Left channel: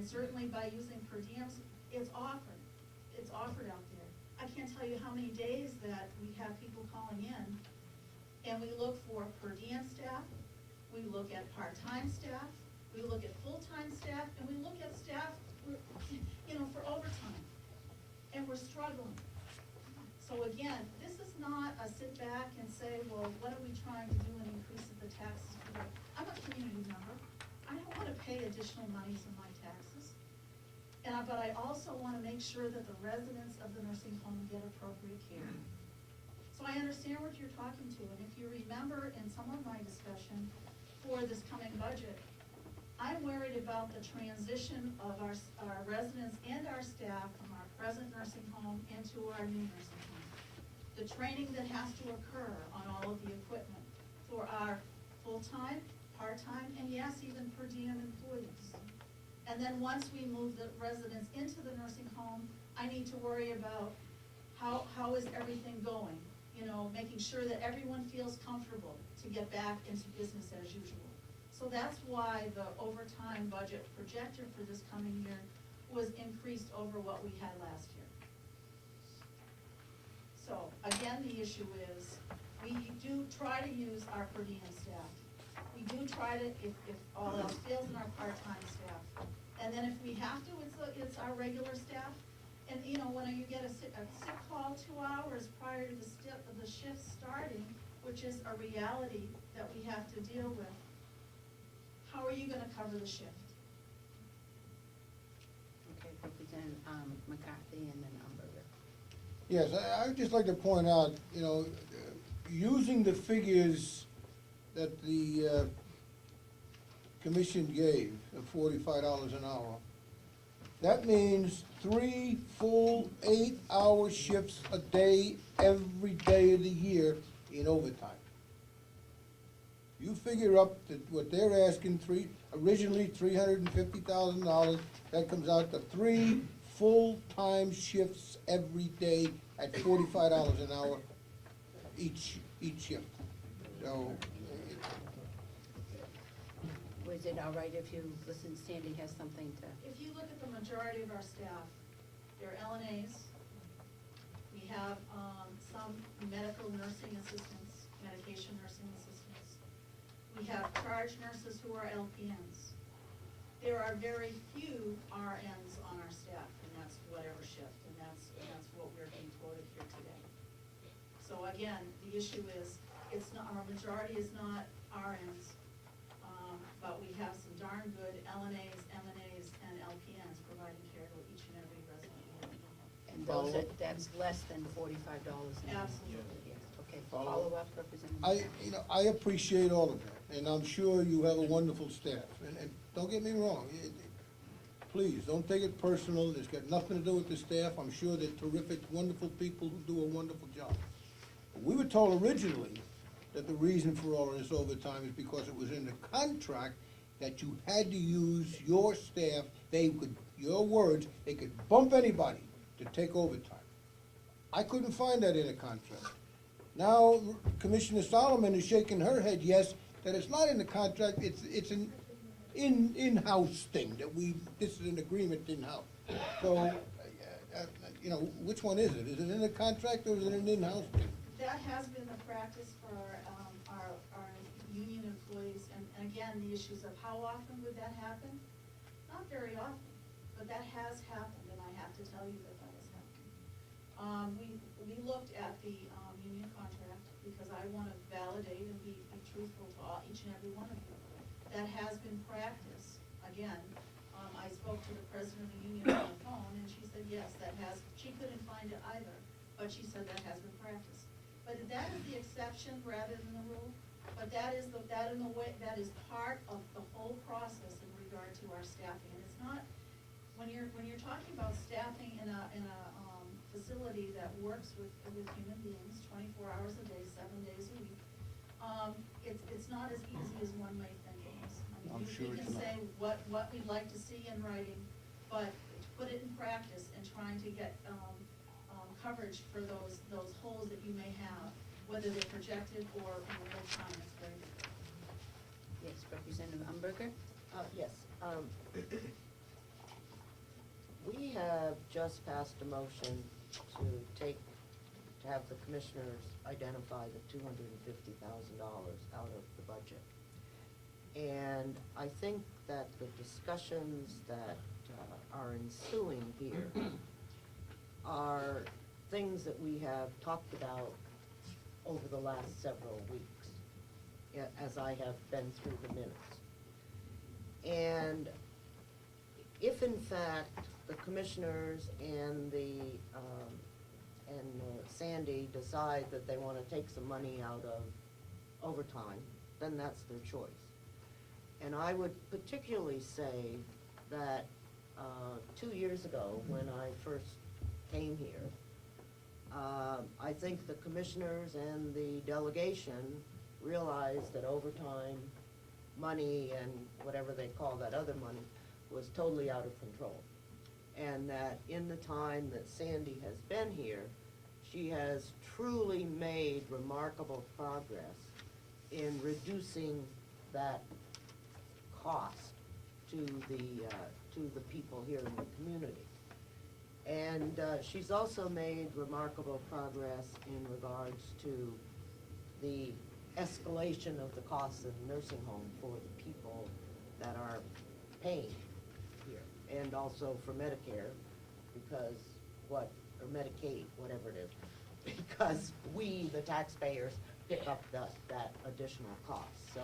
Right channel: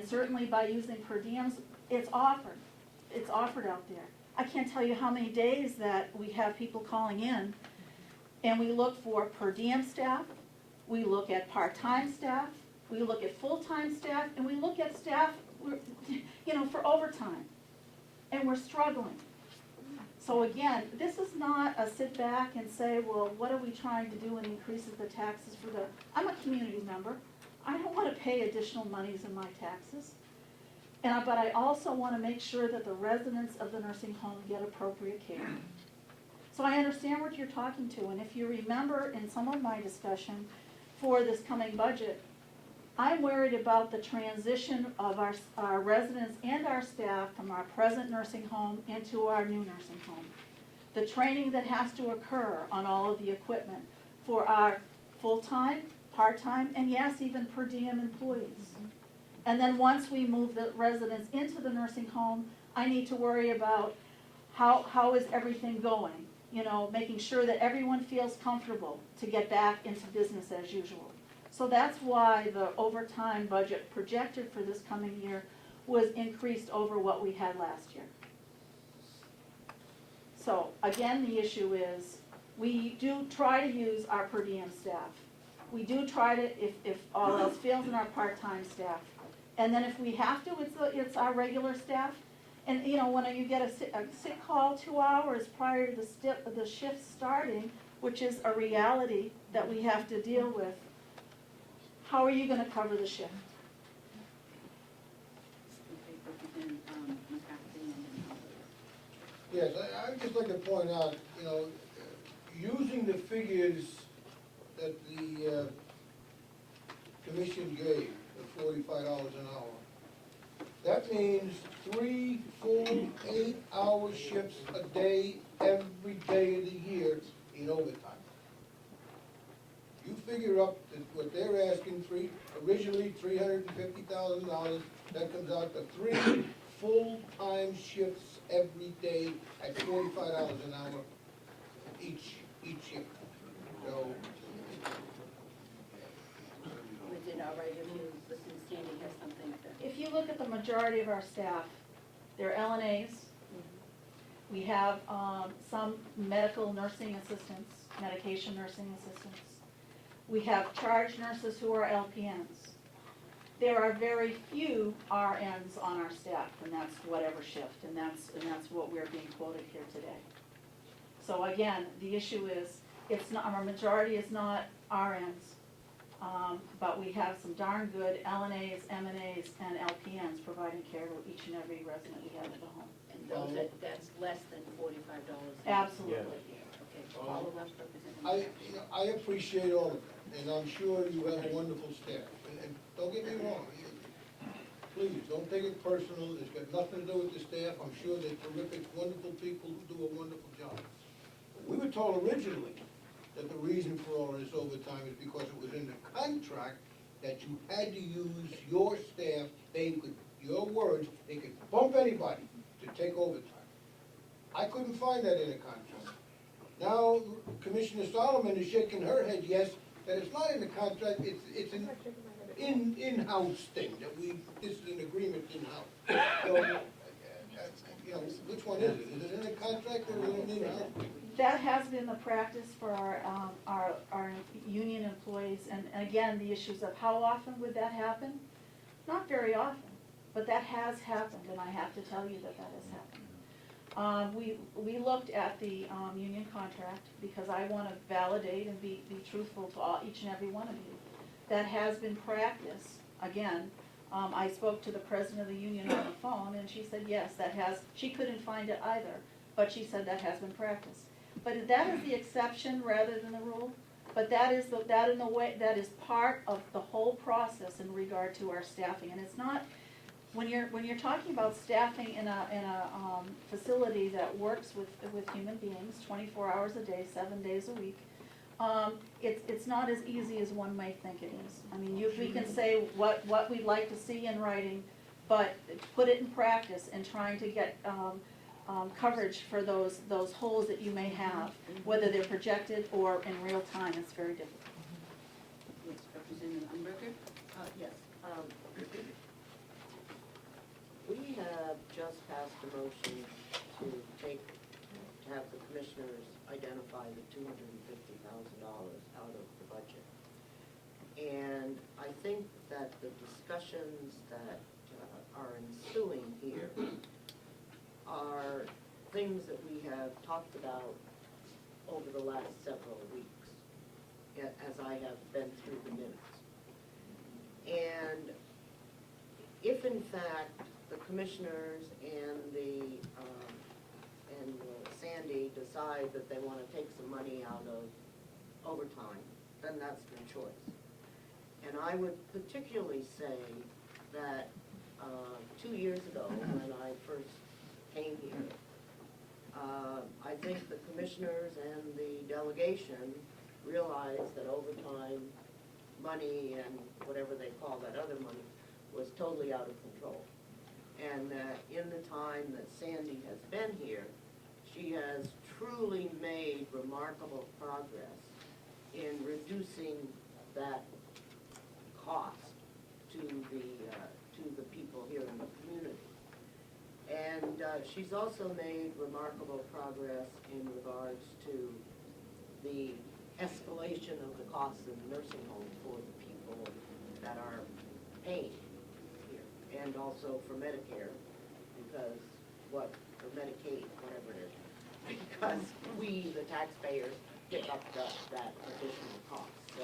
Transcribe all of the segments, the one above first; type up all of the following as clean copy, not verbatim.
And certainly by using per diems, it's offered out there. I can't tell you how many days that we have people calling in, and we look for per diem staff, we look at part-time staff, we look at full-time staff, and we look at staff, for overtime. And we're struggling. So again, this is not a sit back and say, well, what are we trying to do and increase the taxes for the, I'm a community member. I don't want to pay additional monies in my taxes. But I also want to make sure that the residents of the nursing home get appropriate care. So I understand what you're talking to, and if you remember in some of my discussion for this coming budget, I'm worried about the transition of our residents and our staff from our present nursing home into our new nursing home. The training that has to occur on all of the equipment for our full-time, part-time, and yes, even per diem employees. And then once we move the residents into the nursing home, I need to worry about how is everything going? Making sure that everyone feels comfortable to get back into business as usual. So that's why the overtime budget projected for this coming year was increased over what we had last year. So again, the issue is we do try to use our per diem staff. We do try to, if all else fails, in our part-time staff. And then if we have to, it's our regular staff. And when you get a sick call 2 hours prior to the shift starting, which is a reality that we have to deal with, how are you going to cover the shift? Yes, I'd just like to point out, using the figures that the commission gave of $45 an hour, that means 3 full 8-hour shifts a day, every day of the year in overtime. You figure up that what they're asking, originally $350,000, that comes out to 3 full-time shifts every day at $45 an hour each shift. So, Was it all right if you listen, Sandy has something to? If you look at the majority of our staff, they're LNAs. We have some medical nursing assistants, medication nursing assistants. We have charge nurses who are LPNs. There are very few RNs on our staff, and that's whatever shift, and that's what we're being quoted here today. So again, the issue is, it's not, our majority is not RNs, but we have some darn good LNAs, MNAs, and LPNs providing care to each and every resident we have in the home. And that's less than $45 an hour. Absolutely. Okay, follow up, Representative. I appreciate all of that, and I'm sure you have a wonderful staff. And don't get me wrong, please, don't take it personal. It's got nothing to do with the staff. I'm sure they're terrific, wonderful people who do a wonderful job. But we were told originally that the reason for all this overtime is because it was in the contract that you had to use your staff. They could, your words, they could bump anybody to take overtime. I couldn't find that in the contract. Now, Commissioner Solomon is shaking her head, yes, that it's not in the contract, it's an in-house thing, that this is an agreement in-house. So, which one is it? Is it in the contract or is it an in-house thing? That has been the practice for our union employees, and again, the issues of how often would that happen? Not very often, but that has happened, and I have to tell you that has happened. We looked at the union contract because I want to validate and be truthful to each and every one of you. That has been practice. Again, I spoke to the president of the union on the phone, and she said, yes, she couldn't find it either, but she said that has been practiced. But that is the exception rather than the rule. But that is part of the whole process in regard to our staffing, and it's not. When you're talking about staffing in a facility that works with human beings 24 hours a day, 7 days a week, it's not as easy as one may think it is. I mean, we can say what we'd like to see in writing, but put it in practice and trying to get coverage for those holes that you may have, whether they're projected or in real time, it's very difficult. Yes, Representative Umberger? Yes. passed a motion to have the commissioners identify the $250,000 out of the budget. And I think that the discussions that are ensuing here are things that we have talked about over the last several weeks, as I have been through the minutes. And if in fact the commissioners and the Sandy decide that they wanna take some money out of overtime, then that's their choice. And I would particularly say that 2 years ago, when I first came here, I think the commissioners and the delegation realized that overtime money and whatever they call that other money was totally out of control. And that in the time that Sandy has been here, she has truly made remarkable progress in reducing that cost to the people here in the community. And she's also made remarkable progress in regards to the escalation of the costs in the nursing home for the people that are paying here, and also for Medicare, because or Medicaid, whatever it is, because we, the taxpayers, pick up that additional cost. So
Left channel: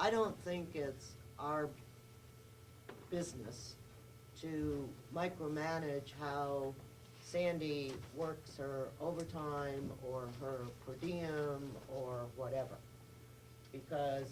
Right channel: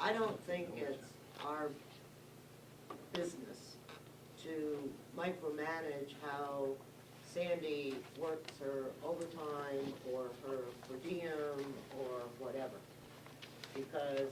I don't think it's our business to micromanage how Sandy works her overtime or her per diem or whatever. Because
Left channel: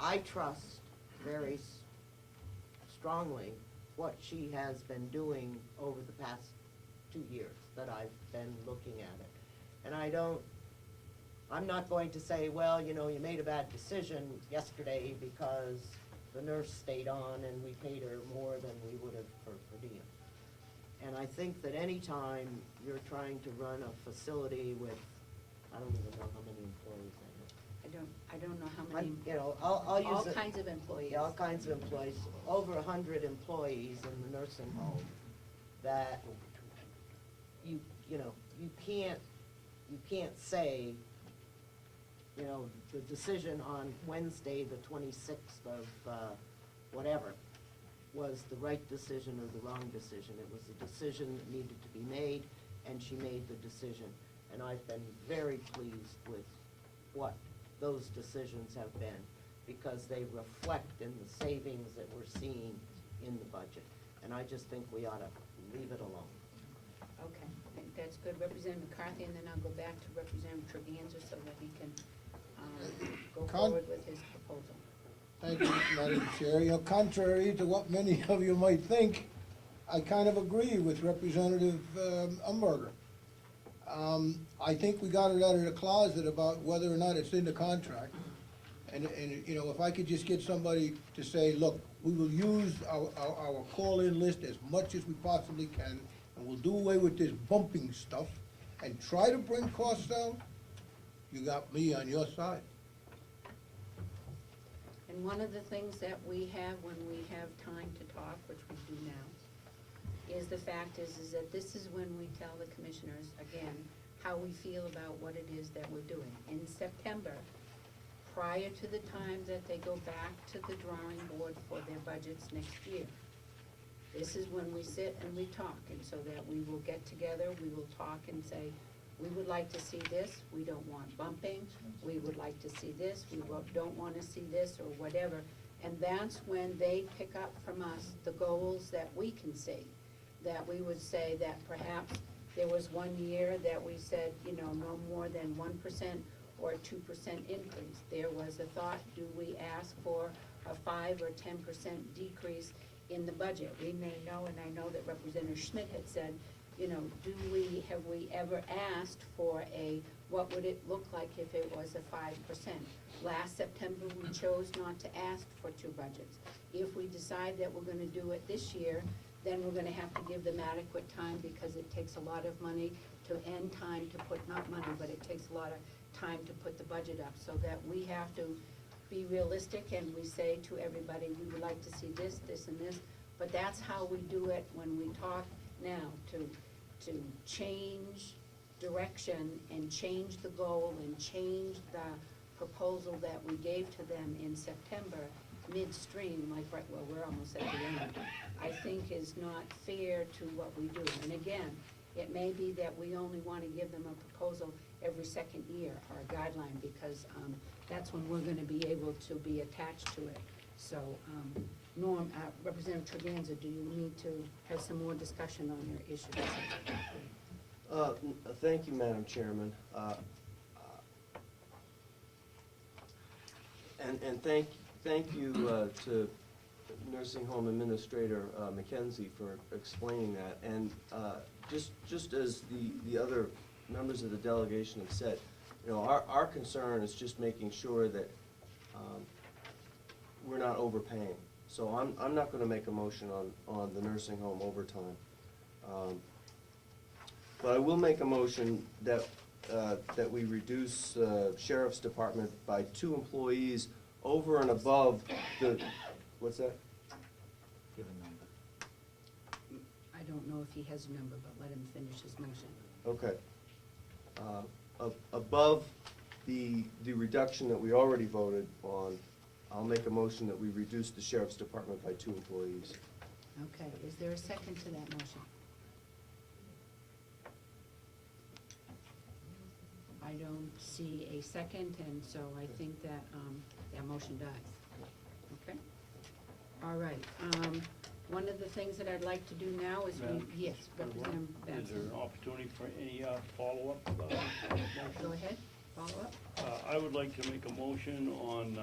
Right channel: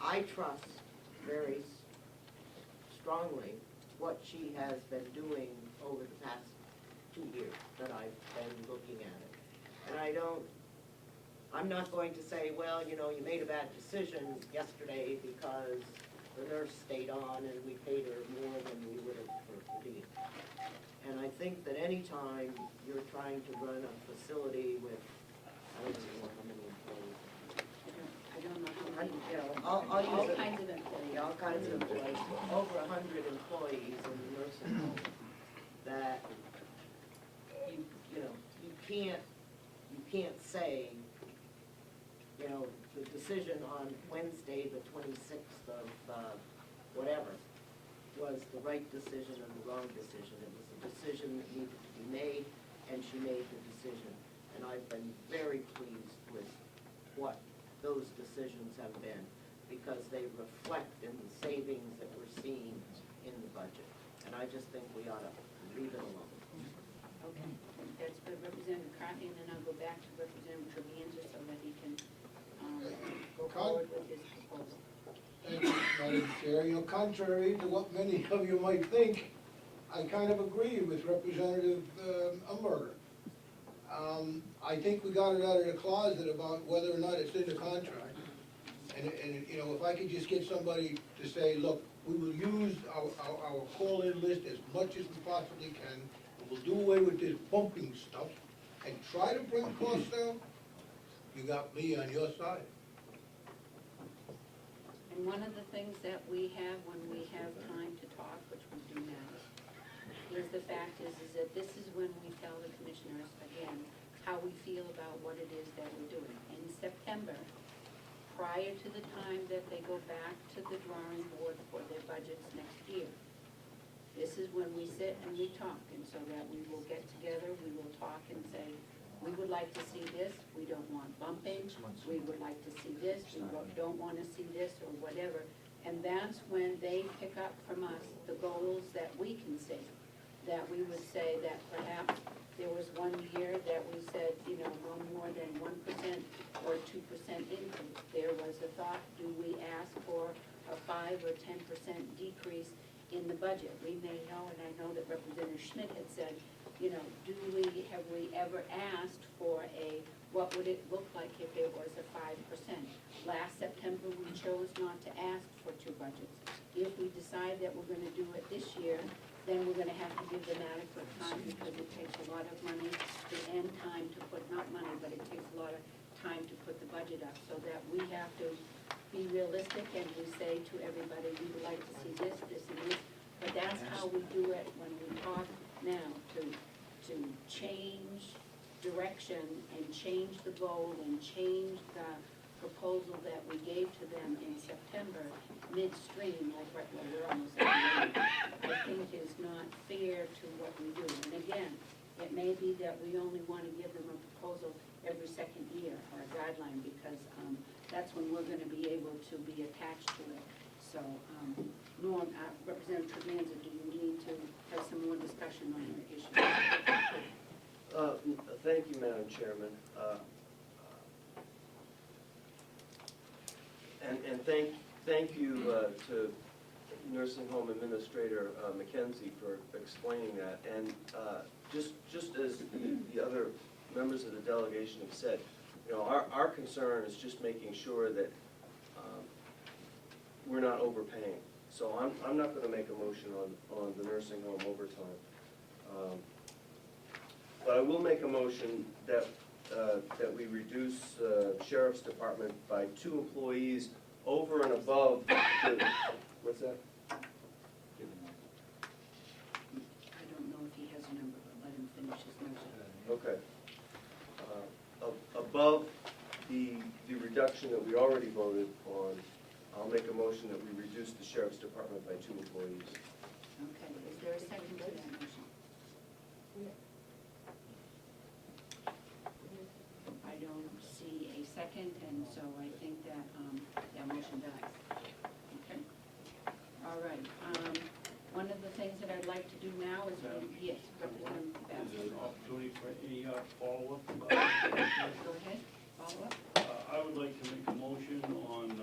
I trust very strongly what she has been doing over the past 2 years that I've been looking at it. And I'm not going to say, well, you know, you made a bad decision yesterday because the nurse stayed on and we paid her more than we would have for per diem. And I think that any time you're trying to run a facility with, I don't even know how many employees. I don't know how many. You know, I'll use All it. kinds of employees. Yeah, all kinds of employees, over 100 employees in the nursing home, that you know, you can't say, you know, the decision on Wednesday, the 26th of whatever, was the right decision or the wrong decision. It was a decision that needed to be made, and she made the decision. And I've been very pleased with what those decisions have been, because they reflect in the savings that we're seeing in the budget. And I just think we ought to leave it alone. Okay, that's good, Representative McCarthy, and then I'll go back to Representative Trevisan so that he can go forward with his proposal. Thank you, Madam Chair. You know, contrary to what many of you might think, I kind of agree with Representative Umberger. I think we got it out of the closet about whether or not it's in the contract. And you know, if I could just get somebody to say, look, we will use our call-in list as much as we possibly can, and we'll do away with this bumping stuff, and try to bring costs down, you got me on your side. And one of the things that we have when we have time to talk, which we do now, is the fact is that this is when we tell the commissioners, again, how we feel about what it is that we're doing. In September, prior to the time that they go back to the drawing board for their budgets next year, this is when we sit and we talk, and so that we will get together, we will talk and say, we would like to see this, we don't want bumping, we would like to see this, we don't wanna see this, or whatever. And that's when they pick up from us the goals that we can see. That we would say that perhaps there was 1 year that we said, you know, no more than 1% or 2% increase. There was a thought, do we ask for a 5 or 10% decrease in the budget? We may know, and I know that Representative Schmidt had said, you know, have we ever asked for what would it look like if it was a 5%? Last September, we chose not to ask for 2 budgets. If we decide that we're gonna do it this year, then we're gonna have to give them adequate time, because it takes a lot of money, and time to put, not money, but it takes a lot of time to put the budget up, so that we have to be realistic, and we say to everybody, we would like to see this, this, and this, but that's how we do it when we talk now to change direction and change the goal and change the proposal that we gave to them in September, midstream, like, well, we're almost at the end, I think is not fair to what we do. And again, it may be that we only wanna give them a proposal every second year, or a guideline, because, that's when we're gonna be able to be attached to it. So, Norm, Representative Trevisan, do you need to have some more discussion on your issues? Thank you, Madam Chairman. And thank you to Nursing Home Administrator McKenzie for explaining that. And just as the other members of the delegation have said, you know, our concern is just making sure that we're not overpaying. So I'm not gonna make a motion on the nursing home overtime. But I will make a motion that we reduce Sheriff's Department by 2 employees over and above the, what's that? I don't know if he has a number, but let him finish his motion. Okay. Above the reduction that we already voted on, I'll make a motion that we reduce the Sheriff's Department by 2 employees. Okay, is there a second to that motion? I don't see a second, and so I think that, that motion dies. Okay? All right, one of the things that I'd like to do now is, yes, Representative Is Bass. there an opportunity for any follow-up? Go ahead, follow up. I would like to make a motion on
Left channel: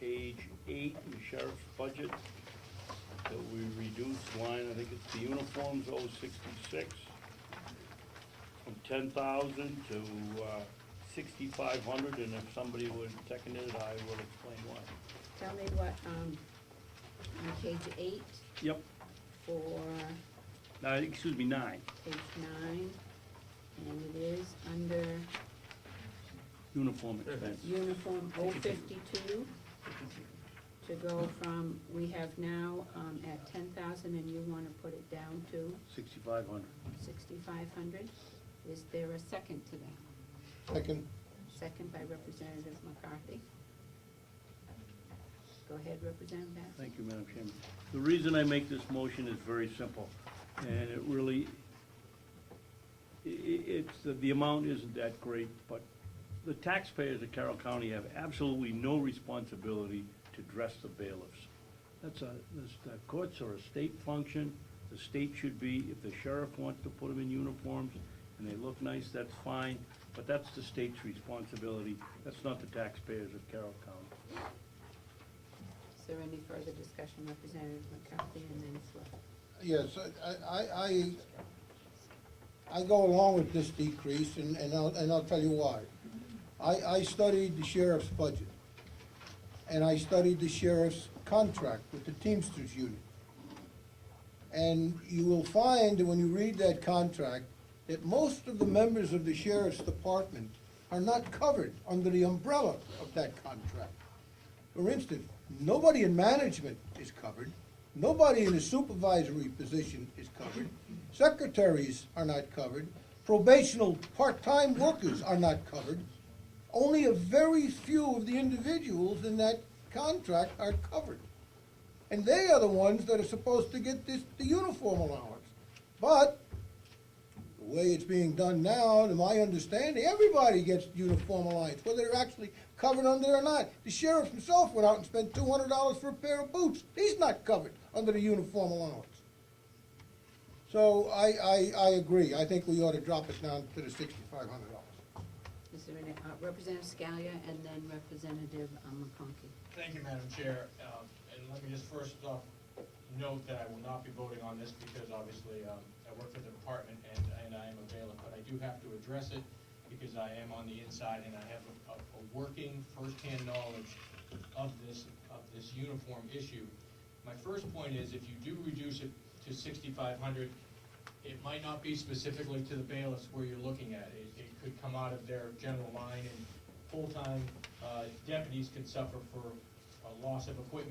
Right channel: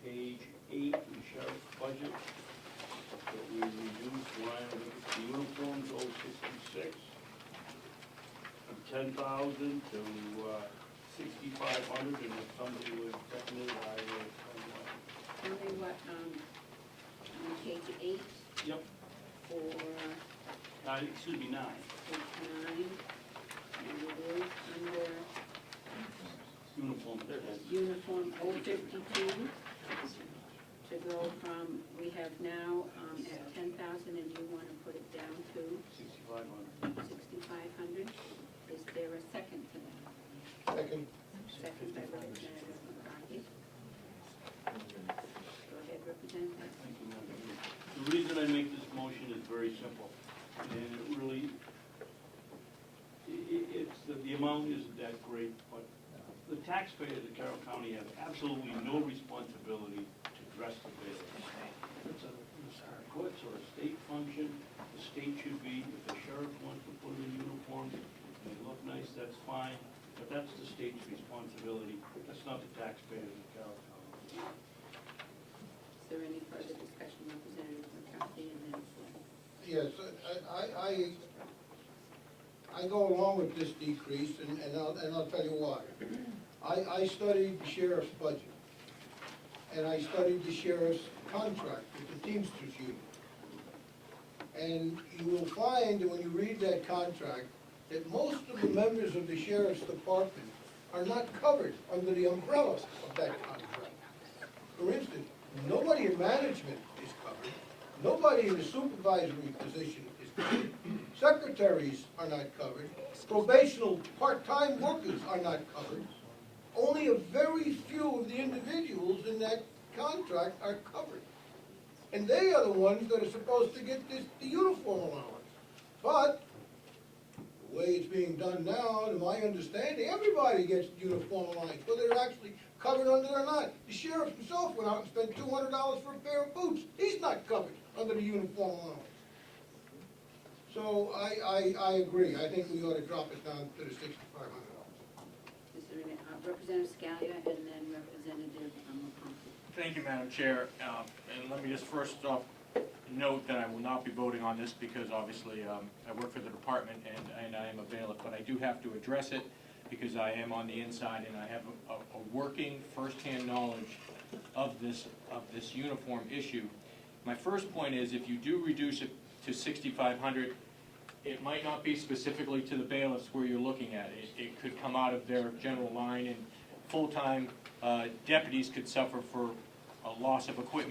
page 8, the sheriff's budget, that we reduce line, I think it's the uniforms, 066, from 10,000 to 6,500, and if somebody would second it, I would explain why. Tell me what, on page 8 Yep, for excuse me, 9. page 9, and it is under Uniform. uniform 052, to go from, we have now at 10,000, and you want to put it down to 6,500. 6,500. Is there a second to that? Second, Second by Representative McCarthy. Go ahead, Representative. Thank you, Madam Chairman. The reason I make this motion is very simple, and it really, the amount isn't that great, but the taxpayers of Carroll County have absolutely no responsibility to dress the bailiffs. The courts are a state function. The state should be, if the sheriff wants to put them in uniforms and they look nice, that's fine, but that's the state's responsibility. That's not the taxpayers of Carroll County. Is there any further discussion, Representative McCarthy, and then Flo? yes, I go along with this decrease, and I'll tell you why. I studied the sheriff's budget, and I studied the sheriff's contract with the Teamsters Union. And you will find that when you read that contract, that most of the members of the sheriff's department are not covered under the umbrella of that contract. For instance, nobody in management is covered, nobody in a supervisory position is covered, secretaries are not covered, probational part-time workers are not covered. Only a very few of the individuals in that contract are covered. And they are the ones that are supposed to get the uniform allowance. But, the way it's being done now, to my understanding, everybody gets uniform allowance, whether they're actually covered under it or not. The sheriff himself went out and spent $200 for a pair of boots. He's not covered under the uniform allowance. So I agree. I think we ought to drop it down to the $6,500. Is there any, Representative Scalia and then Representative McCarthy? Thank you, Madam Chair. And let me just first off note that I will not be voting on this because obviously I work for the department and I am a bailiff, but I do have to address it because I am on the inside and I have a working firsthand knowledge of this uniform issue. My first point is if you do reduce it to 6,500, it might not be specifically to the bailiffs where you're looking at. It could come out of their general line, and full-time deputies could suffer for a loss of equipment